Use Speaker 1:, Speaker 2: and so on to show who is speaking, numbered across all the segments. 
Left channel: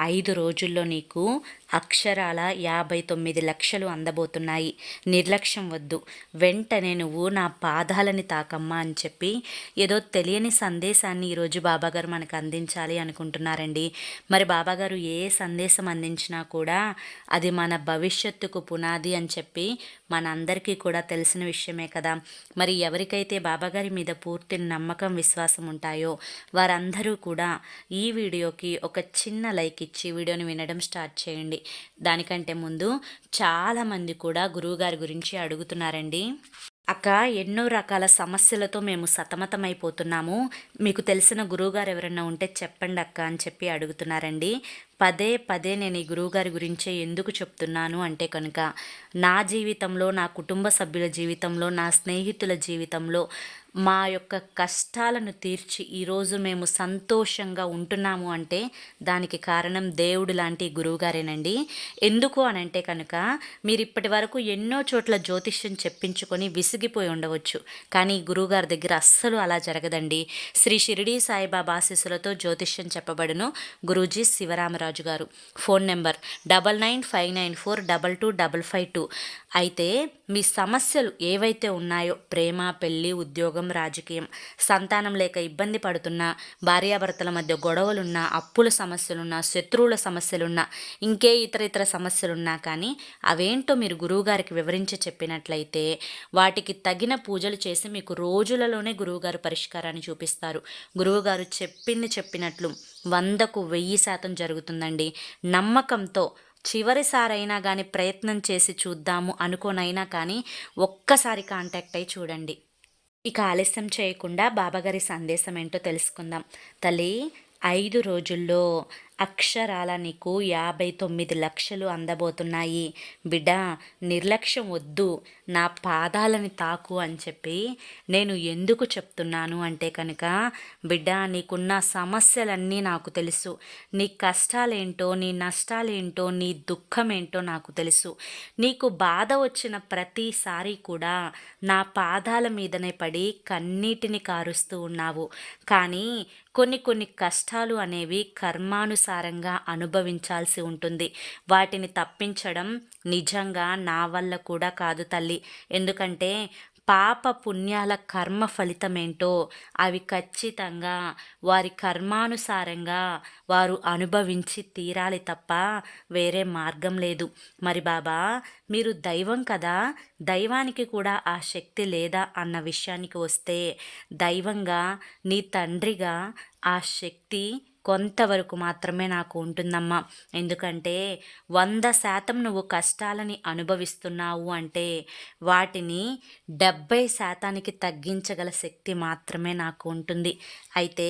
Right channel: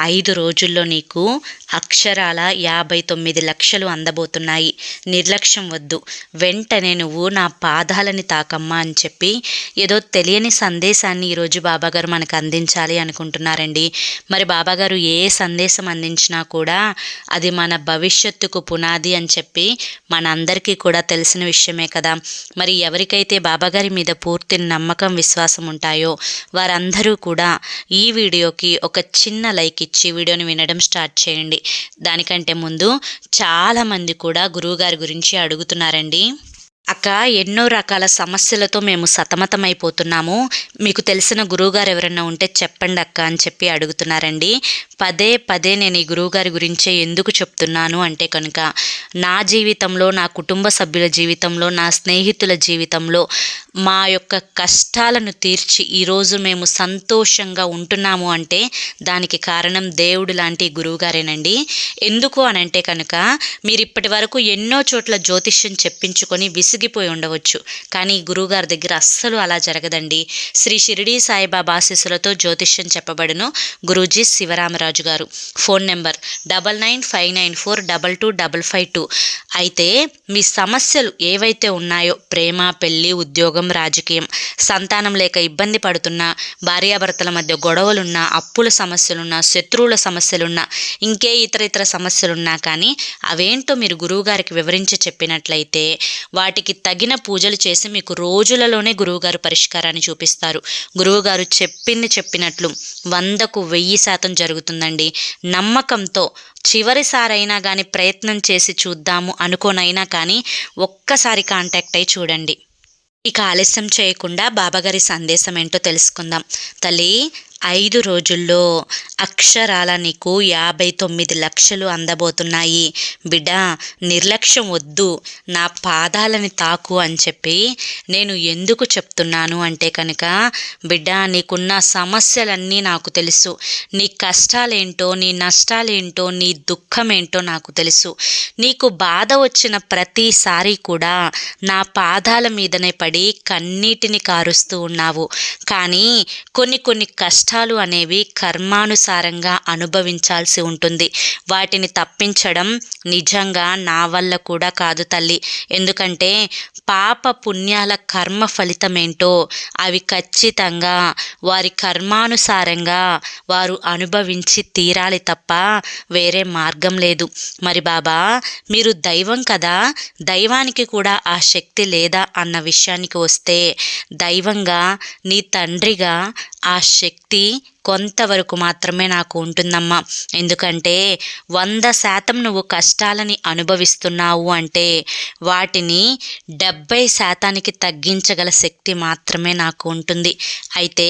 Speaker 1: ఐదు రోజుల్లో నీకు అక్షరాల యాభై తొమ్మిది లక్షలు అందబోతున్నాయి. నిర్లక్ష్యం వద్దు. వెంటనే నువ్వు నా పాదాలని తాకమ్మా అని చెప్పి ఏదో తెలియని సందేశాన్ని ఈరోజు బాబాగారు మనకు అందించాలి అనుకుంటున్నారండి. మరి బాబాగారు ఏ సందేశం అందించినా కూడా అది మన భవిష్యత్తుకు పునాది అని చెప్పి మనందరికీ కూడా తెలిసిన విషయమే కదా. మరి ఎవరికైతే బాబాగారి మీద పూర్తి నమ్మకం విశ్వాసం ఉంటాయో వారందరూ కూడా ఈ వీడియోకి ఒక చిన్న లైక్ ఇచ్చి వీడియోని వినడం స్టార్ట్ చేయండి. దానికంటే ముందు చాలామంది కూడా గురువుగారి గురించి అడుగుతున్నారండి. అక్క ఎన్నో రకాల సమస్యలతో మేము సతమతమైపోతున్నాము. మీకు తెలిసిన గురువుగారు ఎవరైనా ఉంటే చెప్పండి అక్క అని చెప్పి అడుగుతున్నారండి. పదే పదే నేను ఈ గురువుగారి గురించే ఎందుకు చెప్తున్నాను అంటే కనుక నా జీవితంలో నా కుటుంబ సభ్యుల జీవితంలో నా స్నేహితుల జీవితంలో మా యొక్క కష్టాలను తీర్చి ఈరోజు మేము సంతోషంగా ఉంటున్నాము అంటే దానికి కారణం దేవుడు లాంటి గురువుగారేనండి. ఎందుకు అని అంటే కనుక మీరు ఇప్పటి వరకు ఎన్నో చోట్ల జ్యోతిష్యం చెప్పించుకొని విసిగిపోయి ఉండవచ్చు. కానీ గురువుగారి దగ్గర అస్సలు అలా జరగదండి. శ్రీ షిరిడి సాయిబాబా ఆశీస్సులతో జ్యోతిష్యం చెప్పబడును గురూజీ శివరామరాజు గారు. Phone number double nine five nine four double two double five two. అయితే మీ సమస్యలు ఏవైతే ఉన్నాయో ప్రేమ పెళ్ళి ఉద్యోగం ఉద్యోగం రాజకీయం. సంతానం లేక ఇబ్బంది పడుతున్నా భార్యాభర్తల మధ్య గొడవలున్నా అప్పుల సమస్యలున్నా శత్రువుల సమస్యలున్నా ఇంకే ఇతర ఇతర సమస్యలున్నా కానీ అవేంటో మీరు గురువుగారికి వివరించి చెప్పినట్లయితే వాటికి తగిన పూజలు చేసి మీకు రోజులలోనే గురువుగారు పరిష్కారాన్ని చూపిస్తారు. గురువుగారు చెప్పింది చెప్పినట్లు వందకు వెయ్యి శాతం జరుగుతుందండి. నమ్మకంతో చివరిసారైనా కానీ ప్రయత్నం చేసి చూద్దాము అనుకోనైనా కానీ ఒక్కసారి కాంటాక్ట్ అయి చూడండి. ఇక ఆలస్యం చేయకుండా బాబాగారి సందేశం ఏంటో తెలుసుకుందాం. తల్లి ఐదు రోజుల్లో అక్షరాల నీకు యాభై తొమ్మిది లక్షలు అందబోతున్నాయి. బిడ్డ నిర్లక్ష్యం వద్దు. నా పాదాలని తాకు అని చెప్పి నేను ఎందుకు చెప్తున్నాను అంటే కనుక బిడ్డ నీకున్న సమస్యలన్నీ నాకు తెలుసు. నీ కష్టాలేంటో నీ నష్టాలేంటో నీ దుఃఖం ఏంటో నాకు తెలుసు. నీకు బాధ వచ్చిన ప్రతిసారి కూడా నా పాదాల మీదనే పడి కన్నీటిని కారుస్తూ ఉన్నావు. కానీ కొన్ని కొన్ని కష్ట కష్టాలు అనేవి కర్మానుసారంగా అనుభవించాల్సి ఉంటుంది. వాటిని తప్పించడం నిజంగా నా వల్ల కూడా కాదు తల్లి. ఎందుకంటే పాప పుణ్యాల కర్మ ఫలితమేంటో అవి ఖచ్చితంగా వారి కర్మానుసారంగా వారు అనుభవించి తీరాలి తప్ప వేరే మార్గం లేదు. మరి బాబా మీరు దైవం కదా. దైవానికి కూడా ఆ శక్తి లేదా అన్న విషయానికి వస్తే దైవంగా నీ తండ్రిగా ఆ శక్తి కొంతవరకు మాత్రమే నాకు ఉంటుందమ్మా. ఎందుకంటే వంద శాతం నువ్వు కష్టాలని అనుభవిస్తున్నావు అంటే వాటిని డెబ్బై శాతానికి తగ్గించగల శక్తి మాత్రమే నాకు ఉంటుంది. అయితే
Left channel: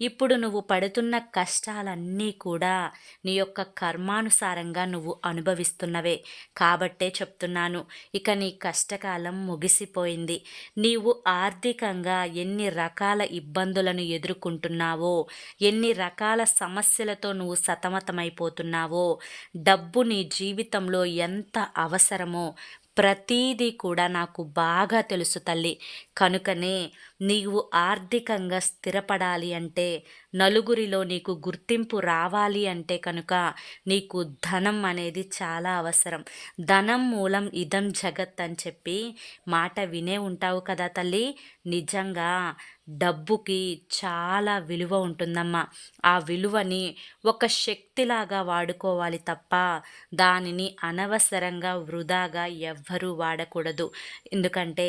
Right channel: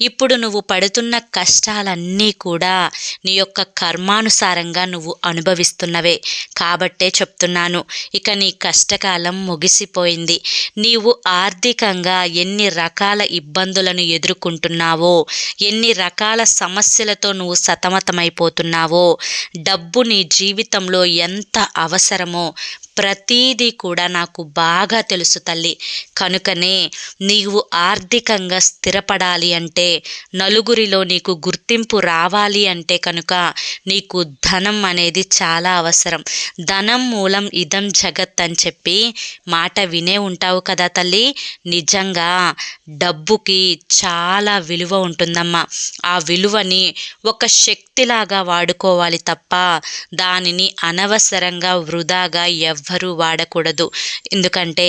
Speaker 1: ఇప్పుడు నువ్వు పడుతున్న కష్టాలన్నీ కూడా నీ యొక్క కర్మానుసారంగా నువ్వు అనుభవిస్తున్నవే. కాబట్టే చెప్తున్నాను ఇక నీ కష్టకాలం ముగిసిపోయింది. నీవు ఆర్థికంగా ఎన్ని రకాల ఇబ్బందులను ఎదుర్కొంటున్నావో ఎన్ని రకాల రకాల సమస్యలతో నువ్వు సతమతమైపోతున్నావో డబ్బు నీ జీవితంలో ఎంత అవసరమో ప్రతీదీ కూడా నాకు బాగా తెలుసు తల్లి. కనుకనే నీవు ఆర్థికంగా స్థిరపడాలి అంటే నలుగురిలో నీకు గుర్తింపు రావాలి అంటే కనుక నీకు ధనం అనేది చాలా అవసరం. ధనం మూలం ఇదం జగత్ అని చెప్పి మాట వినే ఉంటావు కదా తల్లి. నిజంగా డబ్బుకి చాలా విలువ ఉంటుందమ్మా. ఆ విలువని ఒక శక్తిలాగా వాడుకోవాలి తప్ప దానిని అనవసరంగా వృధాగా ఎవ్ ఎవ్వరూ వాడకూడదు. ఎందుకంటే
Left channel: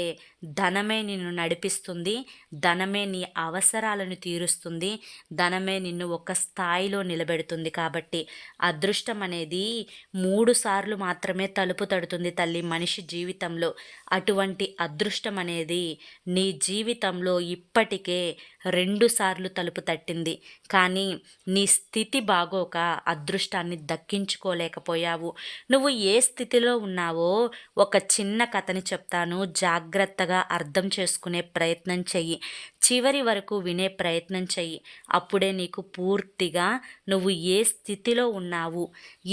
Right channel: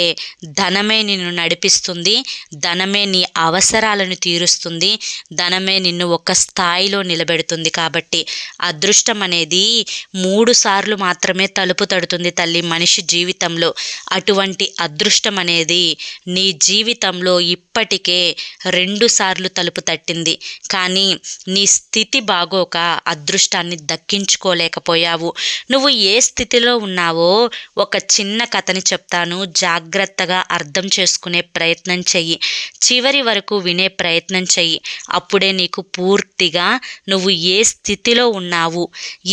Speaker 1: ధనమే నిన్ను నడిపిస్తుంది ధనమే నీ అవసరాలను తీరుస్తుంది ధనమే నిన్ను ఒక స్థాయిలో నిలబెడుతుంది కాబట్టి అదృష్టం అనేది మూడు సార్లు మాత్రమే తలుపు తడుతుంది తల్లి మనిషి జీవితంలో. అటువంటి అదృష్టం అనేది నీ జీవితంలో ఇప్పటికే రెండు సార్లు తలుపు తట్టింది. కానీ నీ స్థితి బాగోక అదృష్టాన్ని దక్కించుకోలేకపోయావు. నువ్వు ఏ స్థితిలో ఉన్నావో ఒక చిన్న కథని చెప్తాను. జాగ్రత్తగా అర్థం చేసుకునే ప్రయత్నం చెయ్యి. చివరి వరకు వినే ప్రయత్నం చెయ్యి. అప్పుడే నీకు పూర్తిగా నువ్వు ఏ స్థితిలో ఉన్నావు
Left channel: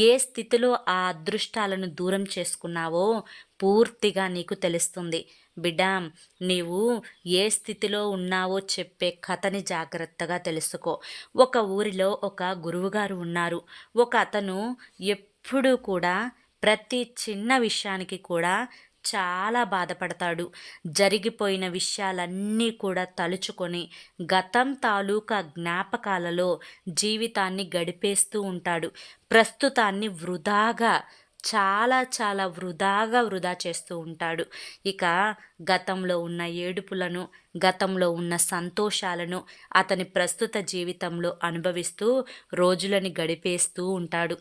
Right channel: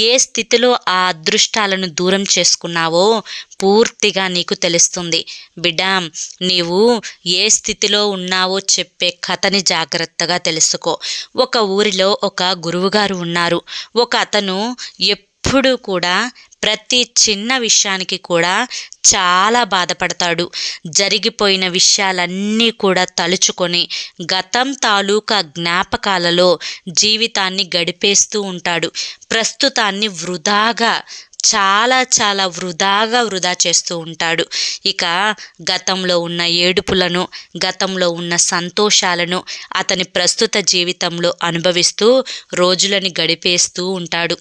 Speaker 1: ఏ స్థితిలో ఆ అదృష్టాలను దూరం చేసుకున్నావో పూర్తిగా నీకు తెలుస్తుంది. బిడ్డ నీవు ఏ స్థితిలో ఉన్నావో చెప్పే కథని జాగ్రత్తగా తెలుసుకో. ఒక ఊరిలో ఒక గురువుగారు ఉన్నారు. ఒక అతను ఎప్పుడూ కూడా ప్రతి చిన్న విషయానికి కూడా చాలా బాధపడతాడు. జరిగిపోయిన విషయాలన్నీ కూడా తలుచుకొని గతం తాలూకా జ్ఞాపకాలలో జీవితాన్ని గడిపేస్తూ ఉంటాడు. ప్రస్తుతాన్ని వృధాగా చాలా చాలా వృధాగా వృధా చేస్తూ ఉంటాడు. ఇక గతంలో ఉన్న ఏడుపులను గతంలో ఉన్న సంతోషాలను అతని ప్రస్తుత జీవితంలో అనుభవిస్తూ రోజులని గడిపేస్తూ ఉంటాడు.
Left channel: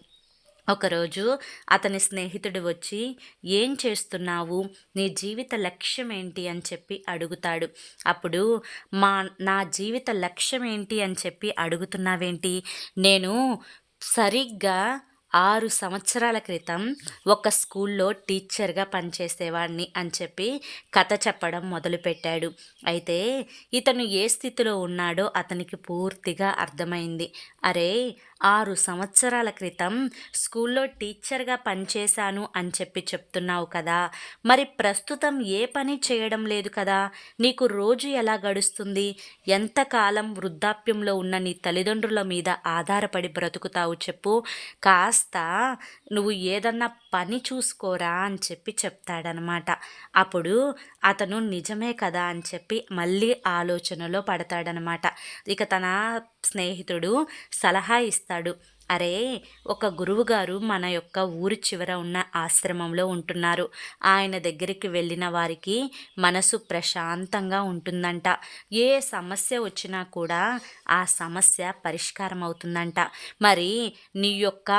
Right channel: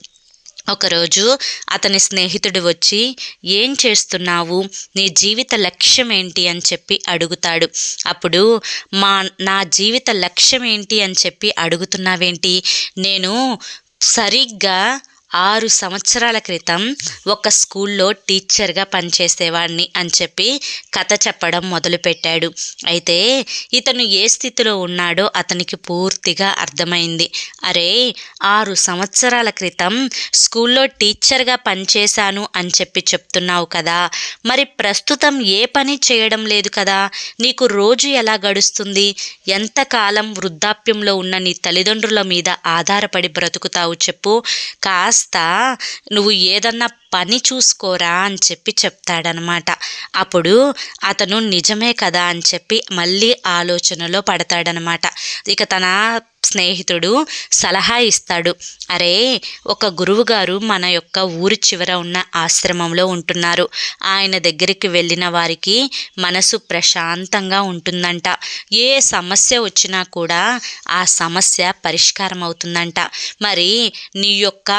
Speaker 1: ఒకరోజు అతని స్నేహితుడు వచ్చి ఏం చేస్తున్నావు? నీ జీవిత లక్ష్యం ఏంటి అని చెప్పి అడుగుతాడు. అప్పుడు మా నా జీవిత లక్ష్యం ఏంటి అని చెప్పి అడుగుతున్నావేంటి? నేను సరిగ్గా ఆరు సంవత్సరాల క్రితం ఒక స్కూల్లో టీచర్గా పనిచేసేవాడిని అని చెప్పి కథ చెప్పడం మొదలుపెట్టాడు. అయితే ఇతను ఏ స్థితిలో ఉన్నాడో అతనికి పూర్తిగా అర్థమైంది. అరే ఆరు సంవత్సరాల క్రితం స్కూల్లో టీచర్గా పనిచేశాను అని చెప్పి చెప్తున్నావు కదా. మరి ప్రస్తుతం ఏ పని చేయడం లేదు కదా? నీకు రోజు ఎలా గడుస్తుంది? ఎంతకాలం వృద్ధాప్యంలో ఉన్న నీ తల్లిదండ్రుల మీద ఆధారపడి బ్రతుకుతావు చెప్పు. కాస్త కాస్త నువ్వు ఏదన్నా పని చూసుకోరా అని చెప్పి చెప్తాడనమాట. అప్పుడు అతను నిజమే కదా అని చెప్పి మళ్ళీ ఆలోచనలో పడతాడనమాట. ఇక తన స్నేహితుడు సలహా ఇస్తాడు. అరే ఒక గురువుగారు మన యొక్క ఊరి చివర ఉన్న ఆశ్రమంలో ఉంటున్నారు. ఆయన దగ్గరికి వెళ్ళిన వారికి మనసు ప్రశాంతంగా ఉంటుందంట. ఏ సమస్య వచ్చినా కూడా ఆ సమస్య పరిష్కారం అవుతుందంట మరి నీ యొక్క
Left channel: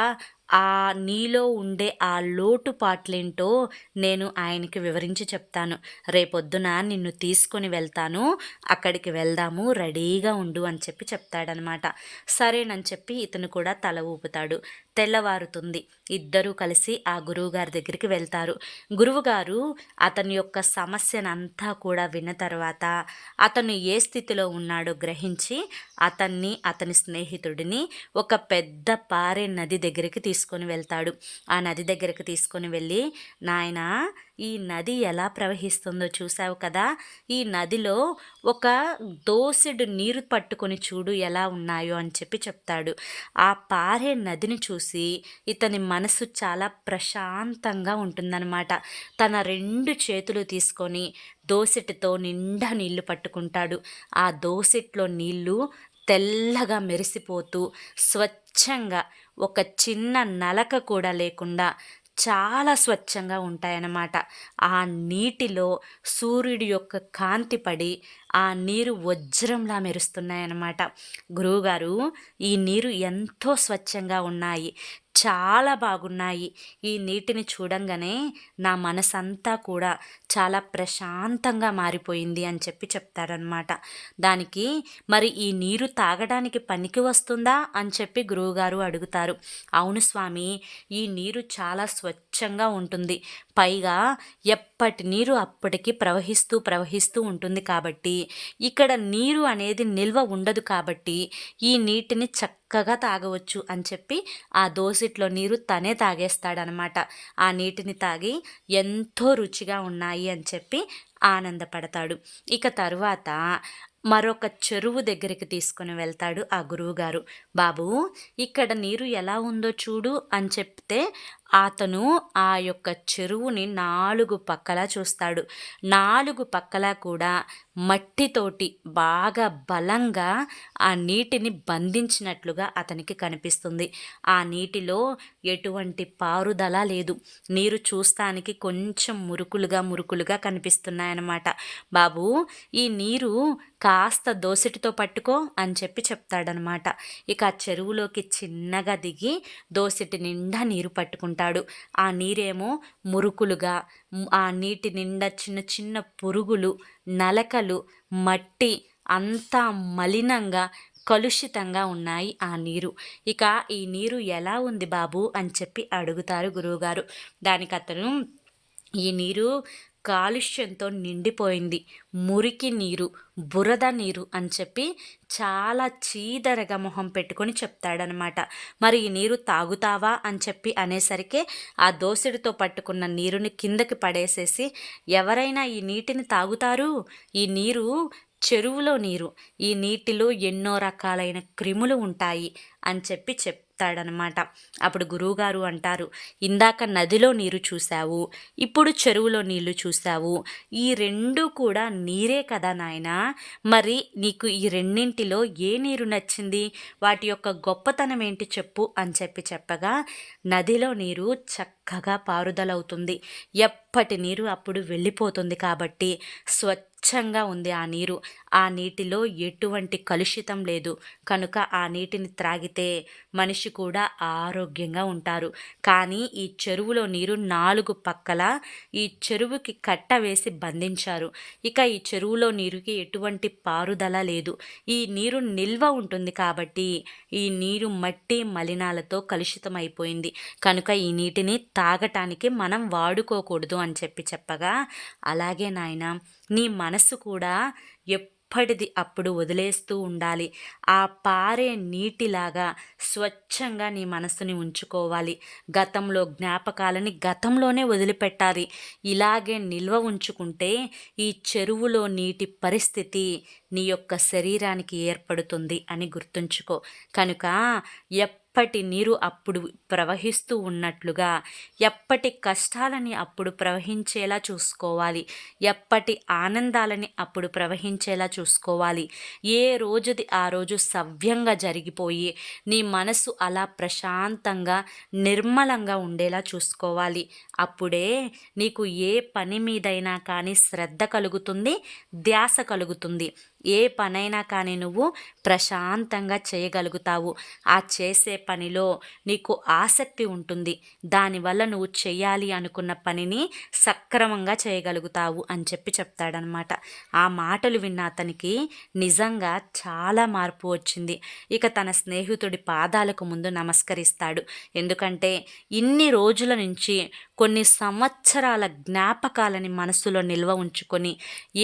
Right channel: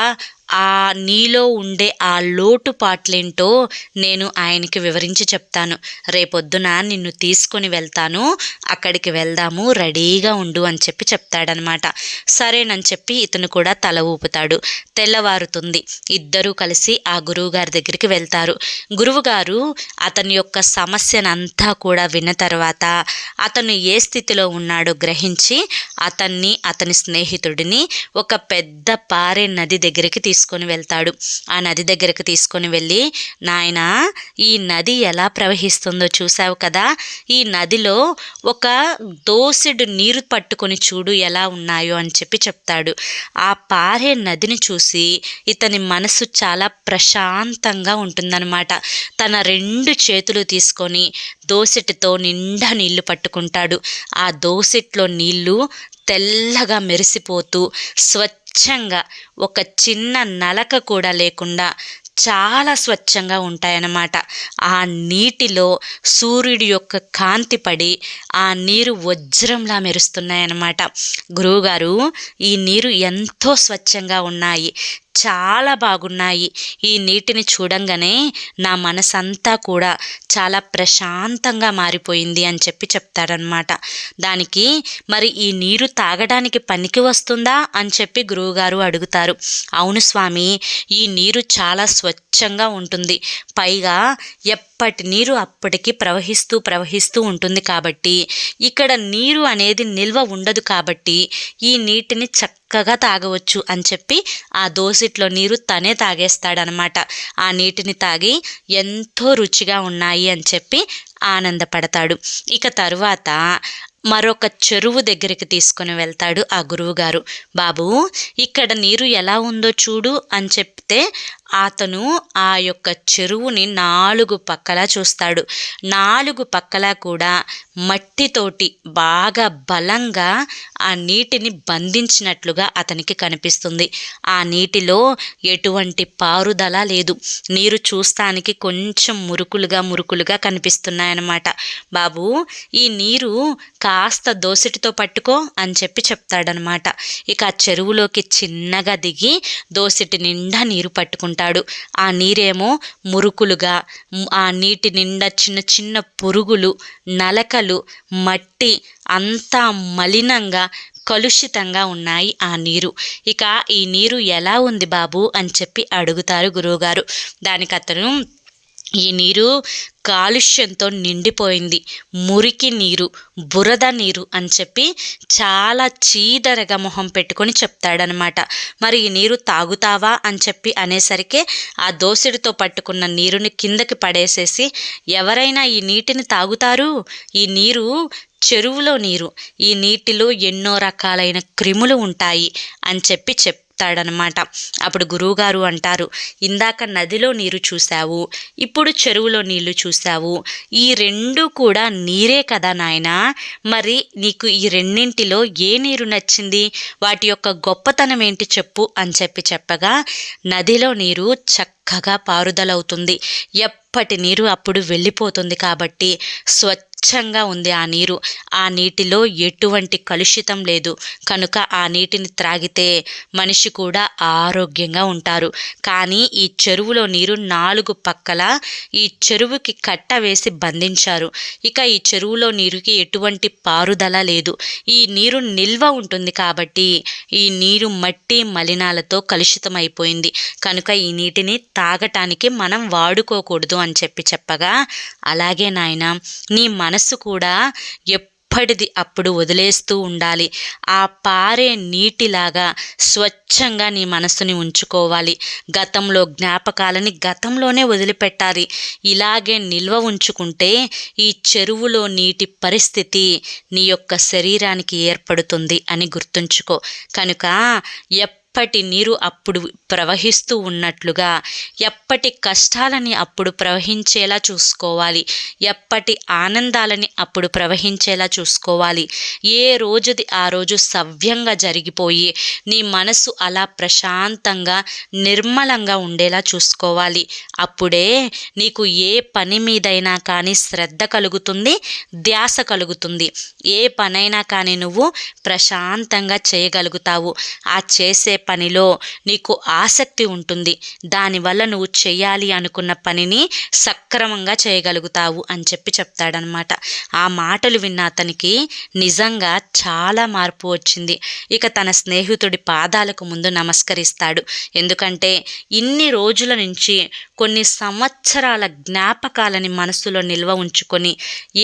Speaker 1: ఆ నీలో ఉండే ఆ లోటుపాట్లేంటో నేను ఆయనకి వివరించి చెప్తాను. రేపొద్దున నిన్ను తీసుకొని వెళ్తాను. అక్కడికి వెళ్దాము. రెడీగా ఉండు అని చెప్పి చెప్తాడనమాట. సరేనని చెప్పి ఇతను కూడా తల ఊపుతాడు. తెల్లవారుతుంది. ఇద్దరూ కలిసి ఆ గురువుగారి దగ్గరికి వెళ్తారు. గురువుగారు అతని యొక్క సమస్యనంతా కూడా విన్న తర్వాత అతను ఏ స్థితిలో ఉన్నాడో గ్రహించి అతన్ని అతని స్నేహితుడిని ఒక పెద్ద పారే నది దగ్గరికి తీసుకొని వెళ్తాడు. ఆ నది దగ్గరకు తీసుకొని వెళ్ళి నాయన ఈ నది ఎలా ప్రవహిస్తుందో చూసావు కదా? ఈ నదిలో ఒక దోసెడు నీరు పట్టుకొని చూడు ఎలా ఉన్నాయో అని చెప్పి చెప్తాడు. ఆ పారే నదిని చూసి ఇతని మనసు చాలా ప్రశాంతంగా ఉంటుందన్నమాట. తన రెండు చేతులు తీసుకొని దోసెటితో నిండా నీళ్ళు పట్టుకుంటాడు. ఆ దోసెట్లో నీళ్ళు తెల్లగా మెరిసిపోతూ స్వచ్ఛ స్వచ్ఛంగా ఒక చిన్న నలక కూడా లేకుండా చాలా స్వచ్ఛంగా ఉంటాయన్నమాట. ఆ నీటిలో సూర్యుడి యొక్క కాంతి పడి ఆ నీరు వజ్రంలా మెరుస్తున్నాయన్నమాట. గురువుగారు ఈ నీరు ఎంతో స్వచ్ఛంగా ఉన్నాయి. చాలా బాగున్నాయి. ఈ నీటిని చూడంగానే నా మనసంతా కూడా చాలా ప్రశాంతంగా మారిపోయింది అని చెప్పి చెప్తాడనమాట దానికి మరి ఈ నీరు తాగడానికి పనికి వస్తుందా అని చెప్పి గురువుగారు అడుగుతారు. అవును స్వామి ఈ నీరు చాలా స్వచ్ఛంగా ఉంటుంది. పైగా అప్పటి నీరు అప్పటికి ప్రవహిస్తూ ప్రవహిస్తూ ఉంటుంది కాబట్టి ఇక్కడ నీరు అనేది నిల్వ ఉండదు కాబట్టి ఈ నీటిని చక్కగా తాగవచ్చు అని చెప్పి ఆ దోసిట్లో నీరు తనే తాగేస్తాడనమాట. ఆ నీటిని తాగి ఎంతో రుచిగా ఉన్నాయి అని చెప్పి ఆనందపడతాడు. ఇక తరువాత మరొక చెరువు దగ్గరికి తీసుకొని వెళ్తాడు ఆ గురువుగారు. బాబు ఇక్కడ నీరు ఎలా ఉందో చూడు అని చెప్తే అతను ఆ యొక్క చెరువుని నాలుగు పక్కలా చూస్తాడు. నాలుగు పక్కలా కూడా మట్టితోటి బాగా బలంగా ఆ నీటిని బంధించినట్లుగా అతనికి కనిపిస్తుంది. ఆ నీటిలో ఎటువంటి పారుదల లేదు. నీరు చూస్తానికి కొంచెం మురుకులుగా మురుకులుగా కనిపిస్తున్నాయన్నమాట. బాబు ఈ నీరు కాస్త దోసిటితో పట్టుకో అని చెప్పి చెప్తాడనమాట ఇక ఆ చెరువులోకి చిన్నగా దిగి దోసిటి నిండా నీరు పట్టుకుంటాడు. ఆ నీరేమో మురుకులుగా ఆ నీటి నిండా చిన్న చిన్న పురుగులు నలకలు మట్టి అంతా మలినంగా కలుషితంగా ఉన్నాయి ఆ నీరు. ఇక ఈ నీరు ఎలా ఉంది బాబు అని చెప్పి అడుగుతారు గురువుగారు. దానికి అతను ఈ నీరు కాలుష్యంతో నిండిపోయింది. మురికి నీరు బురద నీరు అని చెప్పి చాలా చీదరగా మొహం పెట్టుకొని చెప్తాడనమాట. మరి ఈ నీరు తాగుతావా? అని చెప్పి అనేసరికి ఆ దోసిడితో పట్టుకున్న నీరుని కిందకి పడేసేసి ఎవరైనా ఈ నీటిని తాగుతారు? ఈ నీరు చెరువులో నీరు. ఈ నీటిలో ఎన్నో రకాలైన క్రిములు ఉంటాయి అని చెప్పి చెప్ చెప్తాడనమాట. అప్పుడు గురువుగారు అంటారు ఇందాక నదిలో నీరు చూశావు ఇప్పుడు చెరువులో నీళ్ళు చూశావు. ఈ రెండు కూడా నీరే కదా నాయన? మరి నీకు ఈ రెండింటిలో ఏ నీరు నచ్చింది? వాటి యొక్క గొప్పతనం ఏంటి చెప్పు అని చెప్పి చెప్పగా నదిలో నీరు చక్కగా పారుదలవుతుంది. ఎప్పటి నీరు అప్పుడు వెళ్ళిపోతుంది కాబట్టి స్వచ్ఛ స్వచ్ఛంగా ఉంది ఆ నీరు. ఆ నీటిలో ఎటువంటి కలుషితం లేదు. కనుక ఆ నీటిని త్రాగితే మనిషి కూడా ఆరోగ్యంగా ఉంటారు. కానీ ఈ చెరువులో నీరు నాలుగు పక్కల ఈ చెరువుకి కట్ట వేసి బంధించారు. ఇక ఈ చెరువులో నీరుకి ఎటువంటి పారుదల లేదు. ఈ నీరు నిల్వ ఉంటుంది కాబట్టి ఈ నీరు మట్టి మలినాలతో కలుషితం అయిపోయింది కనుక ఈ నీటిని తాగటానికి మనం వాడుకోకూడదు అని చెప్పి చెప్పగా అలాగే నాయన నీ మనసు కూడా ఎప్పటిది అప్పుడు వదిలేస్తూ ఉండాలి. ఆ పారే నీటిలాగా స్వచ్ఛంగా నీ మనసుని ఉంచుకోవాలి. గతంలో జ్ఞాపకాలని గతంలోనే వదిలిపెట్టాలి. ఇలాగే నిల్వ ఉంచుకుంటే ఈ చెరువులో నీటి పరిస్థితి నీ యొక్క శరీరానికి ఏర్పడుతుంది అని గుర్తుంచుకో. కనుక ఎప్ప ఎప్పటి నీరు అప్పుడు ప్రవహిస్తూ ఉన్నట్లుగా ఎప్పటి కష్టాలని అప్పుడు ప్రవహించేలా చూసుకోవాలి ఎప్పటి ఆనందాలని అప్పుడు ప్రవహించేలా చూసుకోవాలి. ఏ రోజుది ఆ రోజు సవ్యంగా జరిగిపోయి నీ మనసు అలా ప్రశాంతంగా నిర్మలంగా ఉండేలా చూసుకోవాలి. అప్పుడే నీకు ఏ పని మీదైనా కానీ శ్రద్ధ కలుగుతుంది ధ్యాస కలుగుతుంది. ఏ పనైనా కానీ నువ్వు ప్రశాంతంగా చేయగలుగుతావు. ఆ చేసే పనిలో నీకు ఆసక్తి ఉంటుంది. దానివల్ల నువ్వు చేయాలి అనుకున్న పనిని సక్రమంగా చేయగలుగుతావు అని చెప్పి చెప్తాడనమాట ఆ మాటలు విన్న అతనికి నిజంగా చాలా మార్పు వచ్చింది. ఇక తన స్నేహితుడి పాదాలకు ముందు నమస్కరిస్తాడు. ఎందుకంటే ఇన్ని రోజుల నుంచి కొన్ని సంవత్సరాల జ్ఞాపకాలని మనసులో నిల్వ ఉంచుకొని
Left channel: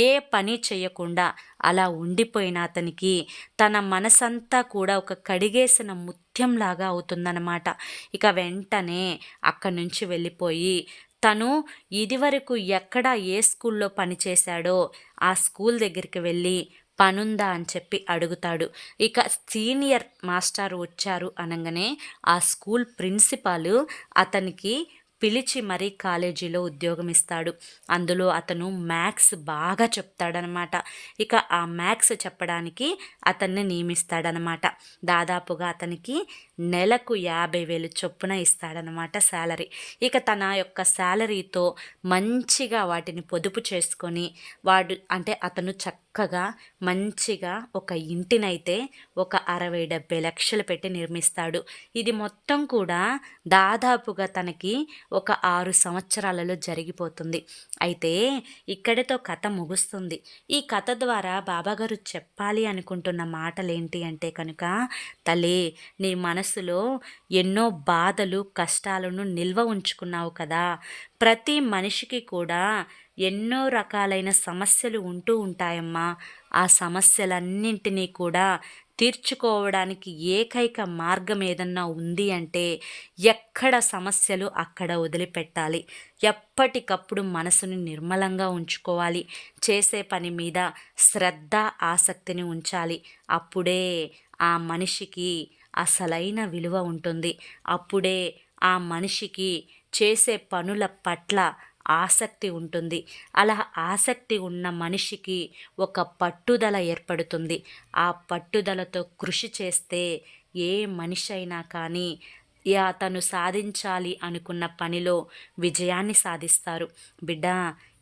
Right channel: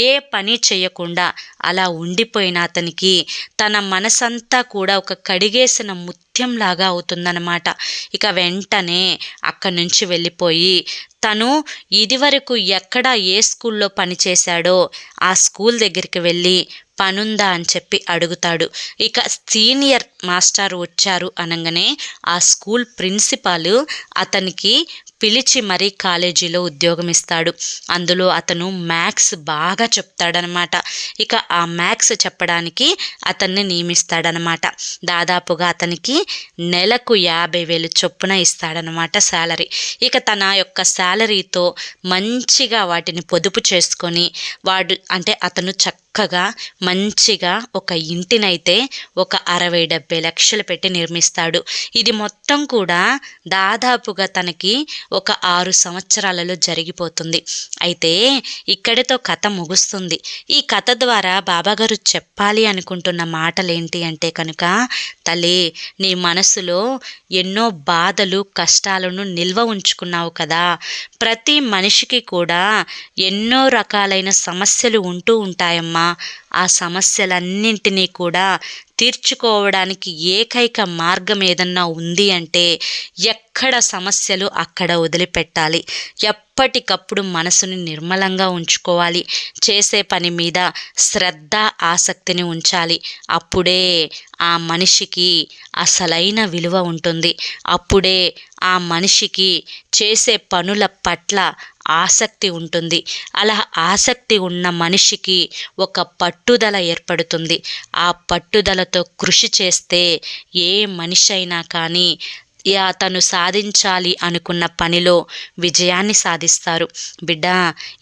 Speaker 1: ఏ పని చేయకుండా అలా ఉండిపోయిన అతనికి తన మనసంతా కూడా ఒక కడిగేసిన ముత్యంలా లాగా అవుతుందన్నమాట. ఇక వెంటనే అక్కడి నుంచి వెళ్ళిపోయి తను ఇదివరకు ఎక్కడ ఏ స్కూల్లో పనిచేశాడో ఆ స్కూల్ దగ్గరికి వెళ్ళి పనుందా అని చెప్పి అడుగుతాడు. ఇక సీనియర్ మాస్టర్ వచ్చారు అనగానే ఆ స్కూల్ ప్రిన్సిపాల్ అతనికి పిలిచి మరీ కాలేజీలో ఉద్యోగం ఇస్తాడు అందులో అతను మ్యాథ్స్ బాగా చెప్తాడనమాట. ఇక ఆ మ్యాథ్స్ చెప్పడానికి అతన్ని నియమిస్తాడనమాట. దాదాపుగా అతనికి నెలకు యాభై వేలు చొప్పున ఇస్తాడనమాట శాలరీ. ఇక తన యొక్క శాలరీతో మంచిగా వాటిని పొదుపు చేసుకొని వాడు అంటే అతను చక్క చక్కగా మంచిగా ఒక ఇంటినైతే ఒక అరవై డెబ్బై లక్షలు పెట్టి నిర్మిస్తాడు. ఇది మొత్తం కూడా దాదాపుగా తనకి ఒక ఆరు సంవత్సరాలలో జరిగిపోతుంది. అయితే ఇక్కడితో కథ ముగుస్తుంది. ఈ కథ ద్వారా బాబాగారు చెప్పాలి అనుకుంటున్న మాటలు ఏంటి అంటే కనుక తలే నీ మనసులో ఎన్నో బాధలు కష్టాలను నిల్వ ఉంచుకున్నావు కదా. ప్రతి మనిషికి కూడా ఎన్నో రకాలైన సమస్యలు ఉంటూ ఉంటాయమ్మా. ఆ సమస్యలన్నింటినీ కూడా తీర్చుకోవడానికి ఏకైక మార్గం ఏదన్నా ఉంది అంటే ఎక్కడ సమస్యలు అక్కడ వదిలిపెట్టాలి. ఎప్పటికప్పుడు మనసుని నిర్మలంగా ఉంచుకోవాలి. చేసే పని మీద శ్రద్ధ ఆసక్తిని ఉంచాలి. అప్పుడే ఆ మనిషికి అసలైన విలువ ఉంటుంది. అప్పుడే ఆ మనిషికి చేసే పనుల పట్ల ఆసక్తి ఉంటుంది. అలా ఆసక్తి ఉన్న మనిషికి ఒక పట్టుదల ఏర్పడుతుంది. ఆ పట్టుదలతో కృషి చేస్తే ఏ మనిషి అయినా కానీ అతను సాధించాలి అనుకున్న పనిలో విజయాన్ని సాధిస్తారు. బిడ్డ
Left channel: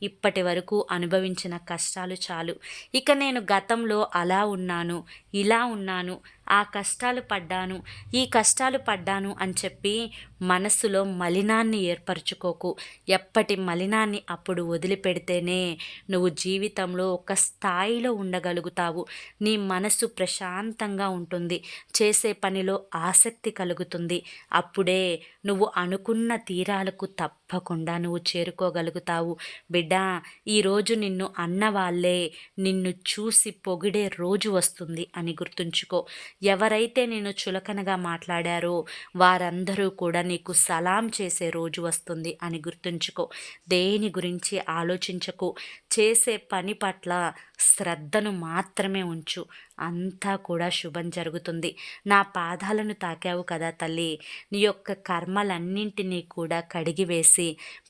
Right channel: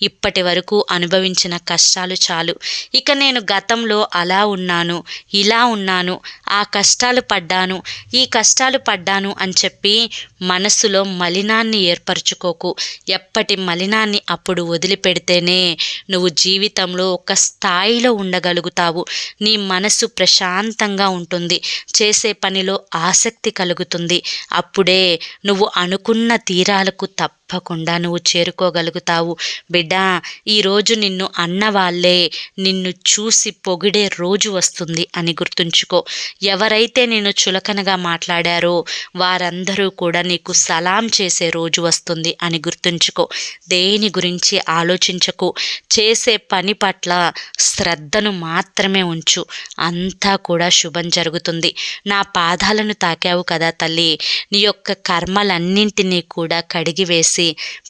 Speaker 1: ఇప్పటి వరకు అనుభవించిన కష్టాలు చాలు. ఇక నేను గతంలో అలా ఉన్నాను ఇలా ఉన్నాను ఆ కష్టాలు పడ్డాను ఈ కష్టాలు పడ్డాను అని చెప్పి మనసులో మలినాన్ని ఏర్పరచుకోకు. ఎప్పటి మలినాన్ని అప్పుడు వదిలిపెడితేనే నువ్వు జీవితంలో ఒక స్థాయిలో ఉండగలుగుతావు. నీ మనసు ప్రశాంతంగా ఉంటుంది చేసే పనిలో ఆసక్తి కలుగుతుంది. అప్పుడే నువ్వు అనుకున్న తీరాలకు తప్ప తప్పకుండా నువ్వు చేరుకోగలుగుతావు. బిడ్డా ఈరోజు నిన్ను అన్న వాళ్ళే నిన్ను చూసి పొగిడే రోజు వస్తుంది అని గుర్తుంచుకో. ఎవరైతే నేను చులకనగా మాట్లాడారో వారందరూ కూడా నీకు సలాం చేసే రోజు వస్తుంది అని గుర్తుంచుకో. దేని గురించి ఆలోచించకు. చేసే పని పట్ల శ్రద్ధను మాత్రమే ఉంచు. అంతా కూడా శుభం జరుగుతుంది. నా పాదాలను తాకావు కదా తల్లి. నీ యొక్క కర్మలన్నింటినీ కూడా కడిగివేసి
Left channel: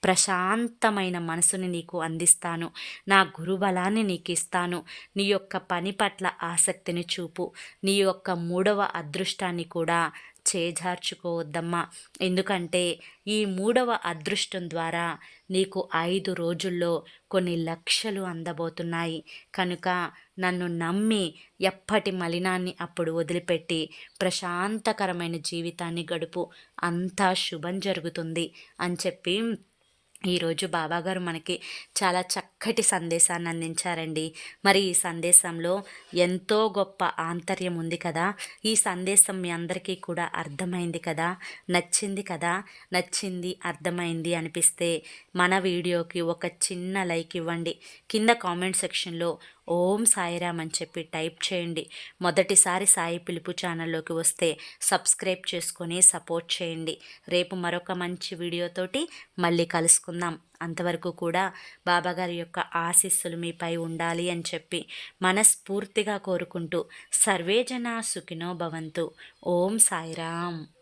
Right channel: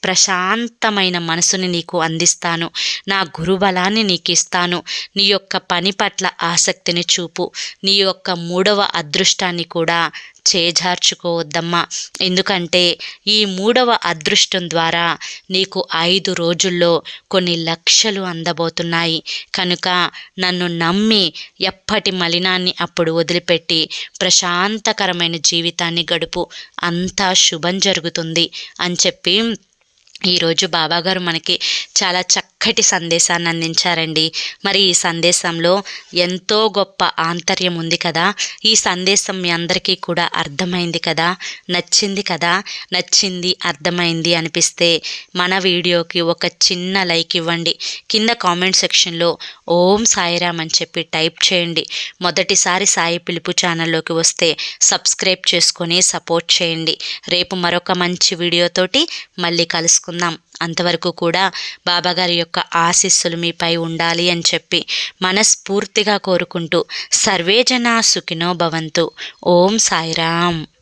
Speaker 1: ప్రశాంతమైన మనసుని నీకు అందిస్తాను. నా గురుబలాన్ని నీకు ఇస్తాను నీ యొక్క పని పట్ల ఆసక్తిని చూపు. నీ యొక్క మూడవ అదృష్టాన్ని కూడా చేజార్చుకోవద్దమ్మా. ఎందుకంటే ఈ మూడవ అదృష్టం ద్వారా నీకు ఐదు రోజుల్లో కొన్ని లక్షలు అందబోతున్నాయి. కనుక నన్ను నమ్మి ఎప్పటి మలినాన్ని అప్పుడు వదిలిపెట్టి ప్రశాంతకరమైన జీవితాన్ని గడుపు. అంతా శుభం జరుగుతుంది అని చెప్పి ఈరోజు బాబాగారు మనకి చాలా చక్కటి సందేశాన్ని అందించారండి. మరి ఈ సందేశంలో ఎంతో గొప్ప ఆంతర్యం ఉంది కదా. ఈ సందేశం మీ అందరికీ కూడా అర్థమైంది కదా. నచ్చింది కదా. నచ్చింది అర్థమైంది అనిపిస్తే మన వీడియోకి ఒక చిన్న లైక్ ఇవ్వండి. కింద కామెంట్ సెక్షన్లో ఓం సాయిరామ్ అని చెప్పి టైప్ చేయండి. మొదటిసారి సాయి పిలుపు ఛానల్లోకి వస్తే సబ్స్క్రైబ్ చేసుకొని సపోర్ట్ చేయండి. రేపు మరొక మంచి వీడియోతోటి మళ్ళీ కలుసుకుందాం. అంతవరకు కూడా బాబాగారి యొక్క ఆశీస్సులు మీపై ఉండాలి అని చెప్పి మనస్ఫూర్తిగా కోరుకుంటూ సర్వేజన సుఖినో భవంతు. ఓం సాయిరామ్.